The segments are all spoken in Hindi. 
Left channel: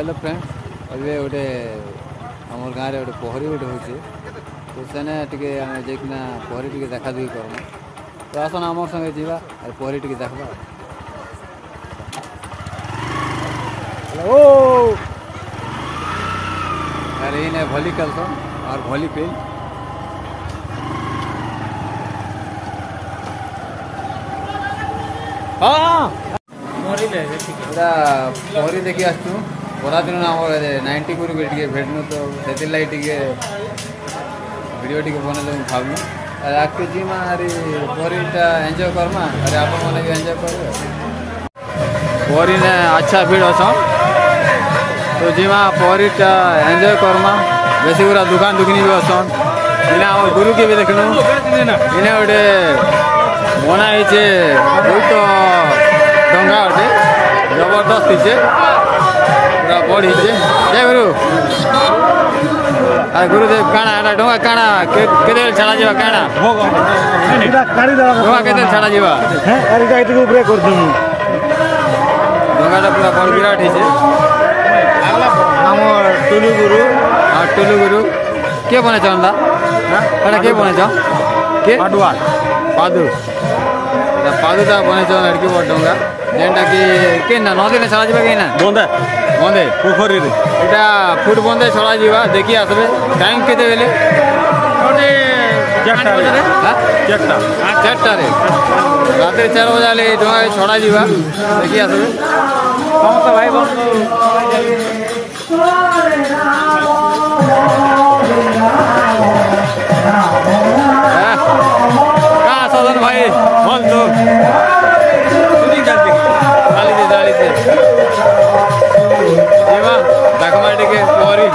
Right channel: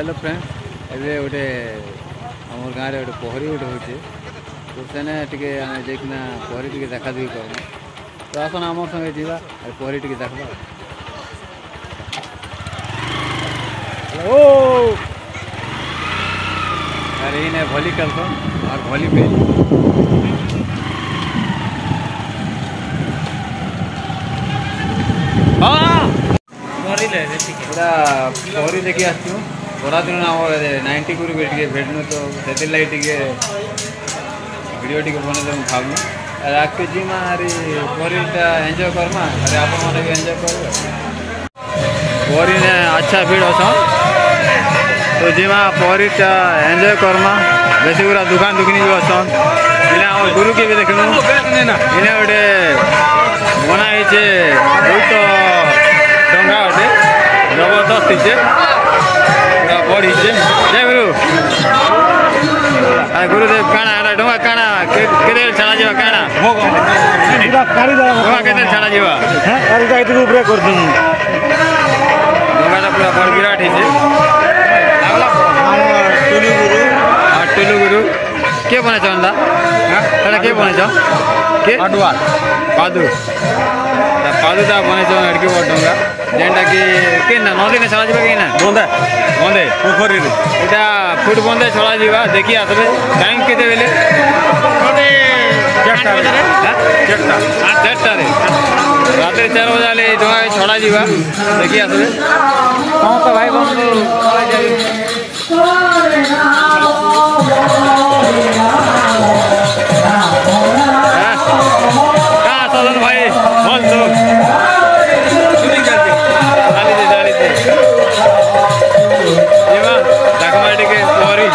हेलो फ्रेंड एबे गोटे आम गाँव में गोटे पोखरी गोटे हो तो सेने टे जाकिना पोखरी टे देखा देखी करमा तो आसन आम संगे जावा पोखरी टे देखा ओ अरे ये भली खेलसन और भली फेल पोखरी देखी आसू बड़ा दिन आम 90 को भेटनु तो से लगे वीडियो टी बने तो भावनु अरे आगे जीमा अरे पोखरीटा एंजॉय करमा अरे आप मैंने भी एंजॉय कर पोखरी ने अच्छा भीड़ असन तो जीमा पोखरीटा एंजॉय करमा बेसी पूरा दुकान दुकानी भी असन इन्हें आम गुरु के भी देखनु इन्हें गोटे बनाई बहुत डंगा अटे जबरदस्त हे पूरा बढ़ी जय गुरु अरे गुरुदेव काना डोंगा काना केते छाड़ा जीवा काना डोंगा केते छाड़ा जीवा अरे जाइते ऊपर कर दूं डोंगाटा पूरा बड़ विराट हे टुलु गुरु हां टुलु गुरु के बने चंदा हां एटा के बने छ के पाडुआ पादु पादुटा बने छ लड़की बड़ डोंगा जेनटा कि नदी ने छड़ा जावा कहीं बंदे बंदे पोखरी एटा फुट बंदे छड़ा जावा देखी आसबे टाइम केते बेले 4टा रे रात 4 बजे डोंगा छड़ा जावा देखी आसबे तो भाई कहाँ सदन भाई बोल तो के पोखरी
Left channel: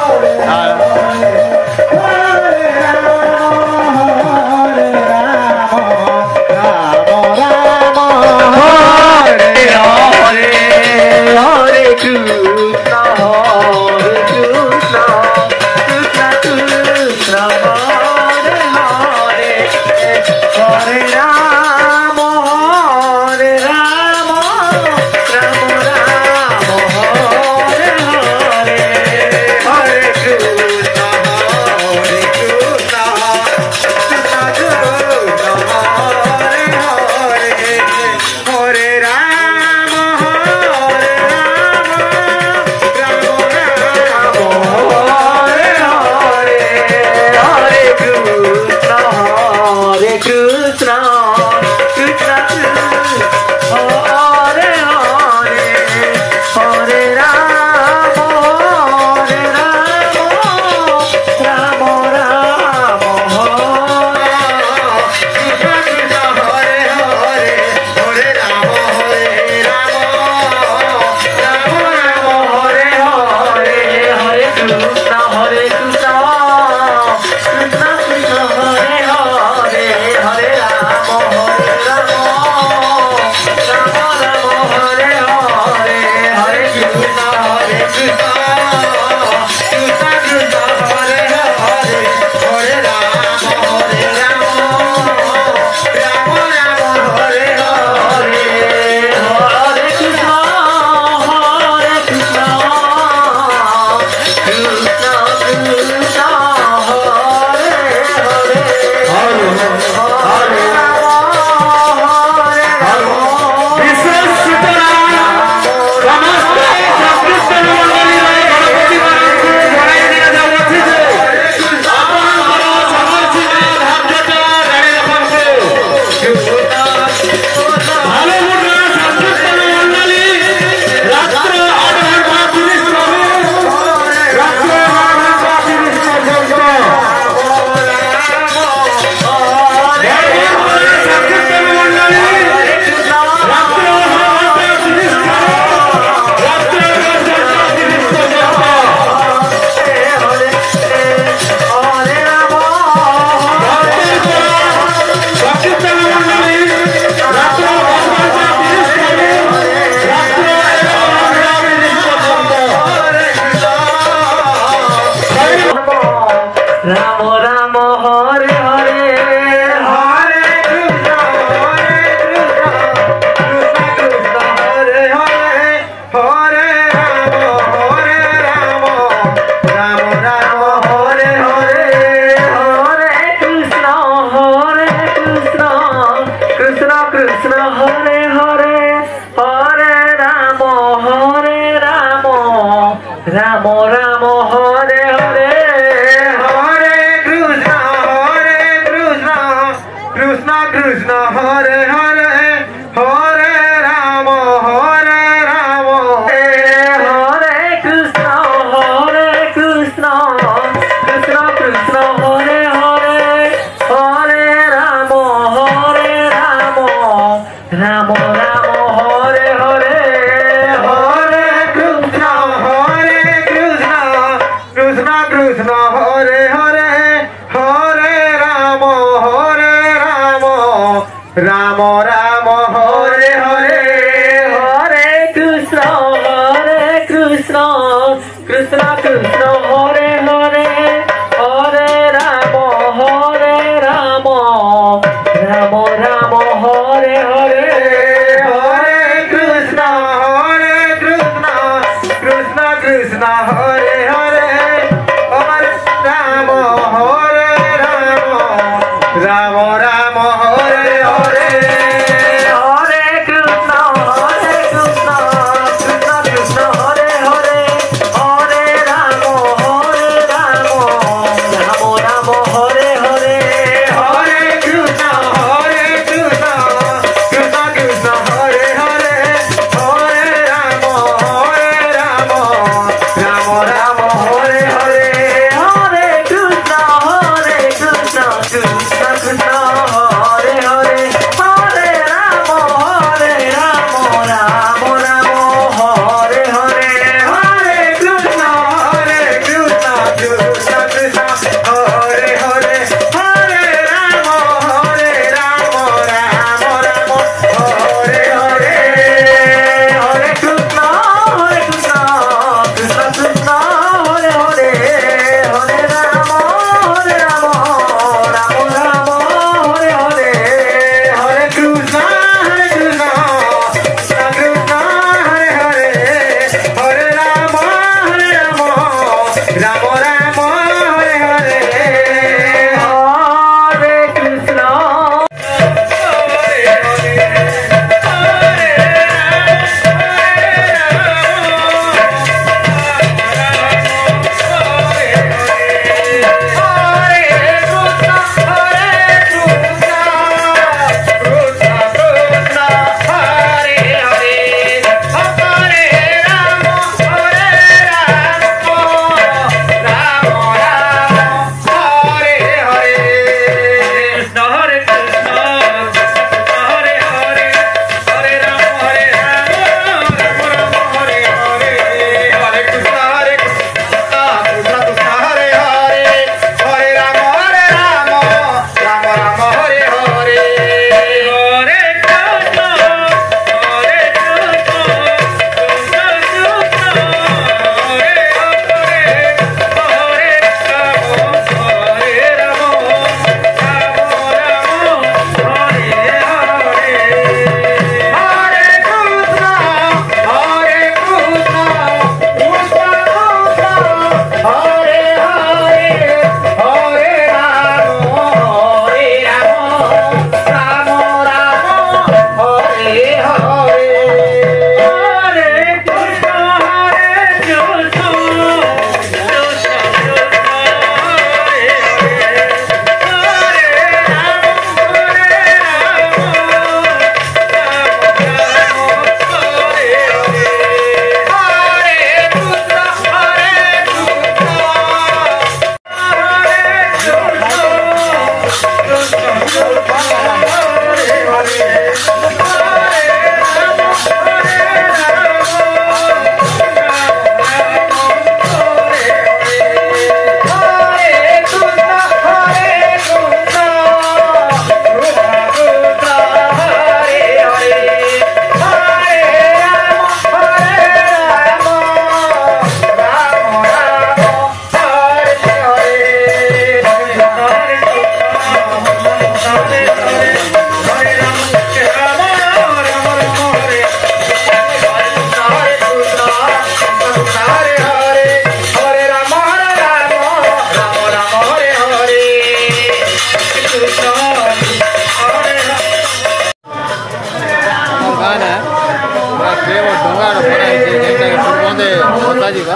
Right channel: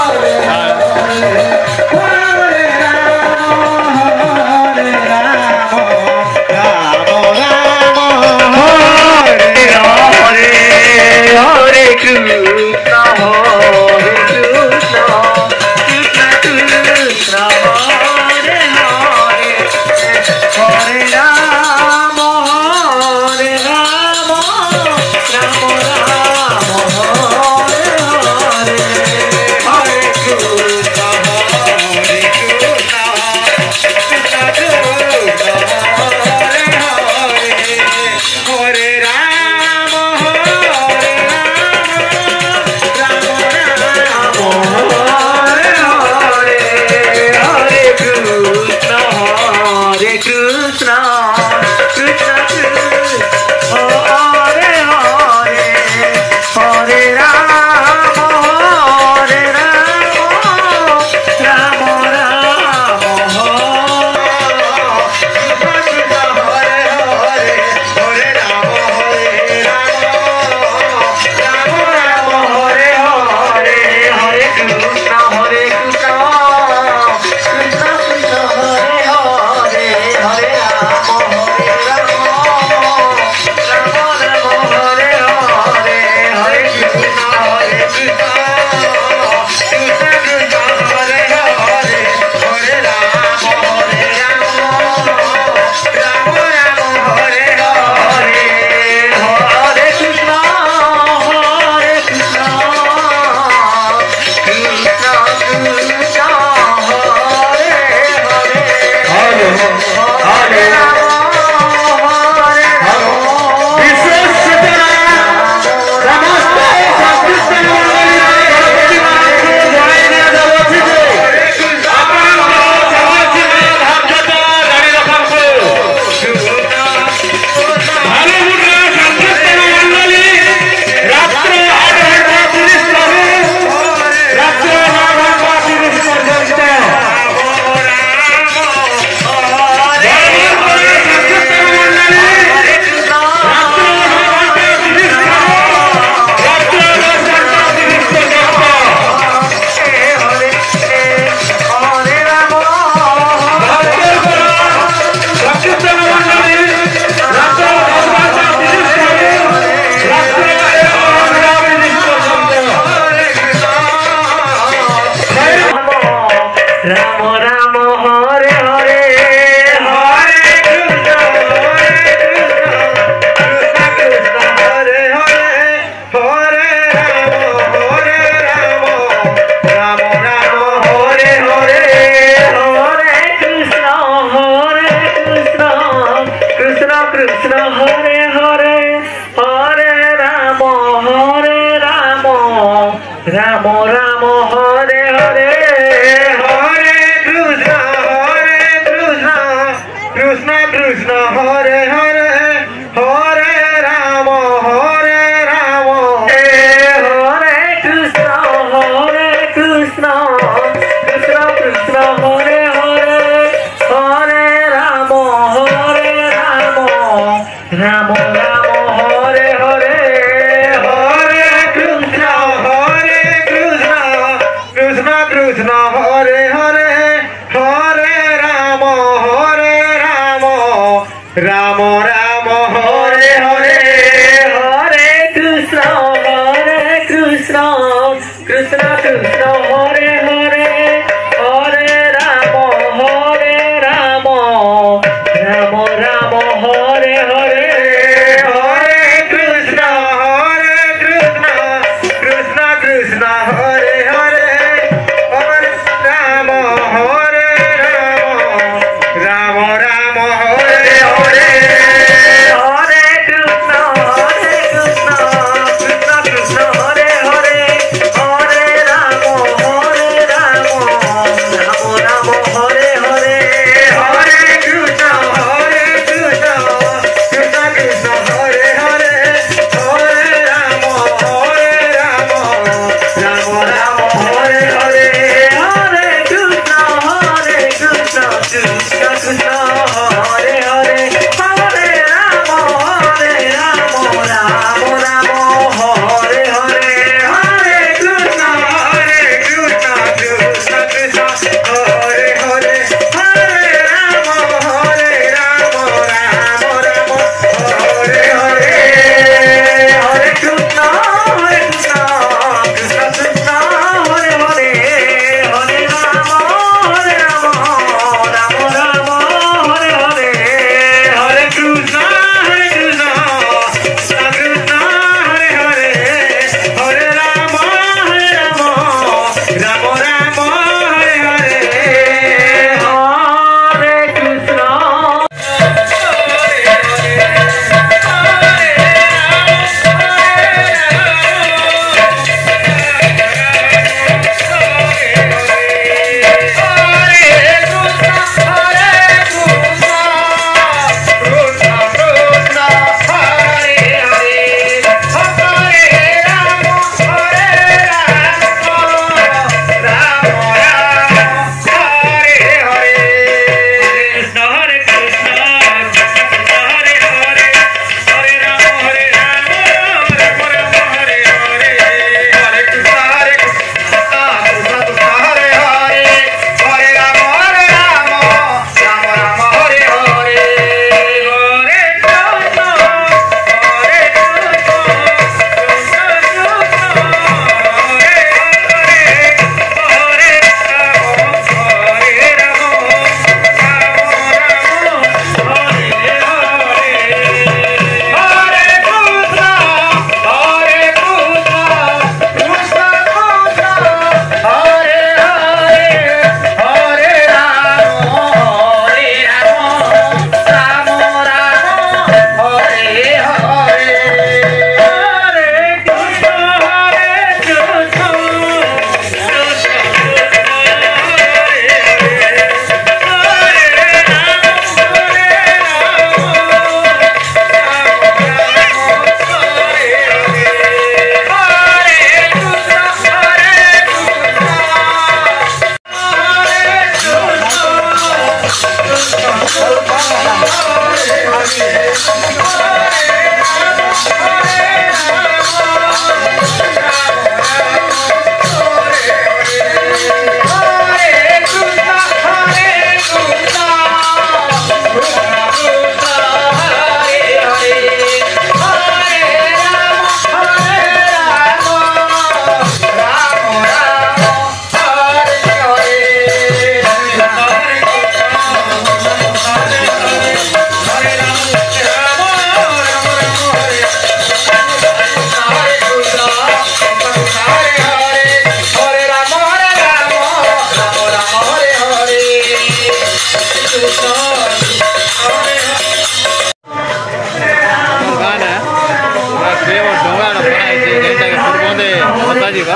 Hare राम राम हरे हरे हरे कृष्ण कृष्ण कृष्ण हरे हरे हरे राम हरे कृष्ण कृष्ण कृष्ण कृष्ण हरे हरे हरे राम राम राम हरे हरे हरे कृष्ण कृष्ण कृष्ण हरे हरे हरे राम राम राम हरे हरे हरे कृष्ण कृष्ण कृष्ण हरे हरे हरे राम राम राम हरे हरे हरे कृष्ण कृष्ण कृष्ण हरे हरे हरे राम राम राम हरे हरे हरे कृष्ण कृष्ण कृष्ण हरे हरे हरे राम राम राम हरे हरे हरे कृष्ण कृष्ण कृष्ण हरे हरे हरे राम राम राम हरे हरे हरे कृष्ण कृष्ण कृष्ण हरे हरे हरे राम राम राम हरे हरे हरे कृष्ण कृष्ण कृष्ण हरे हरे हरे राम राम राम हरे हरे हरे कृष्ण कृष्ण कृष्ण हरे हरे हरे राम राम राम हरे हरे हरे कृष्ण कृष्ण कृष्ण हरे हरे हरे राम राम राम हरे हरे हरे कृष्ण ଡଙ୍ଗାଟା ବନା ହେଇଛି ଯେନ୍ଟାକି मते भत्ता जीवा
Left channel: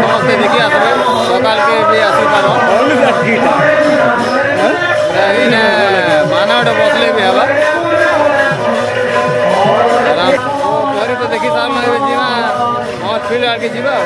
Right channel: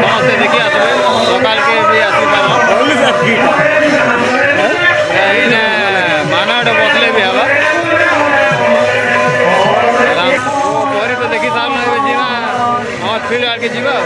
समस्ते देखी आसबे सकाल के भी आसी पार इने माना गोटे बसले भी हवा आराम परी तो देखी सारू जी फील्ड आगे जीवा।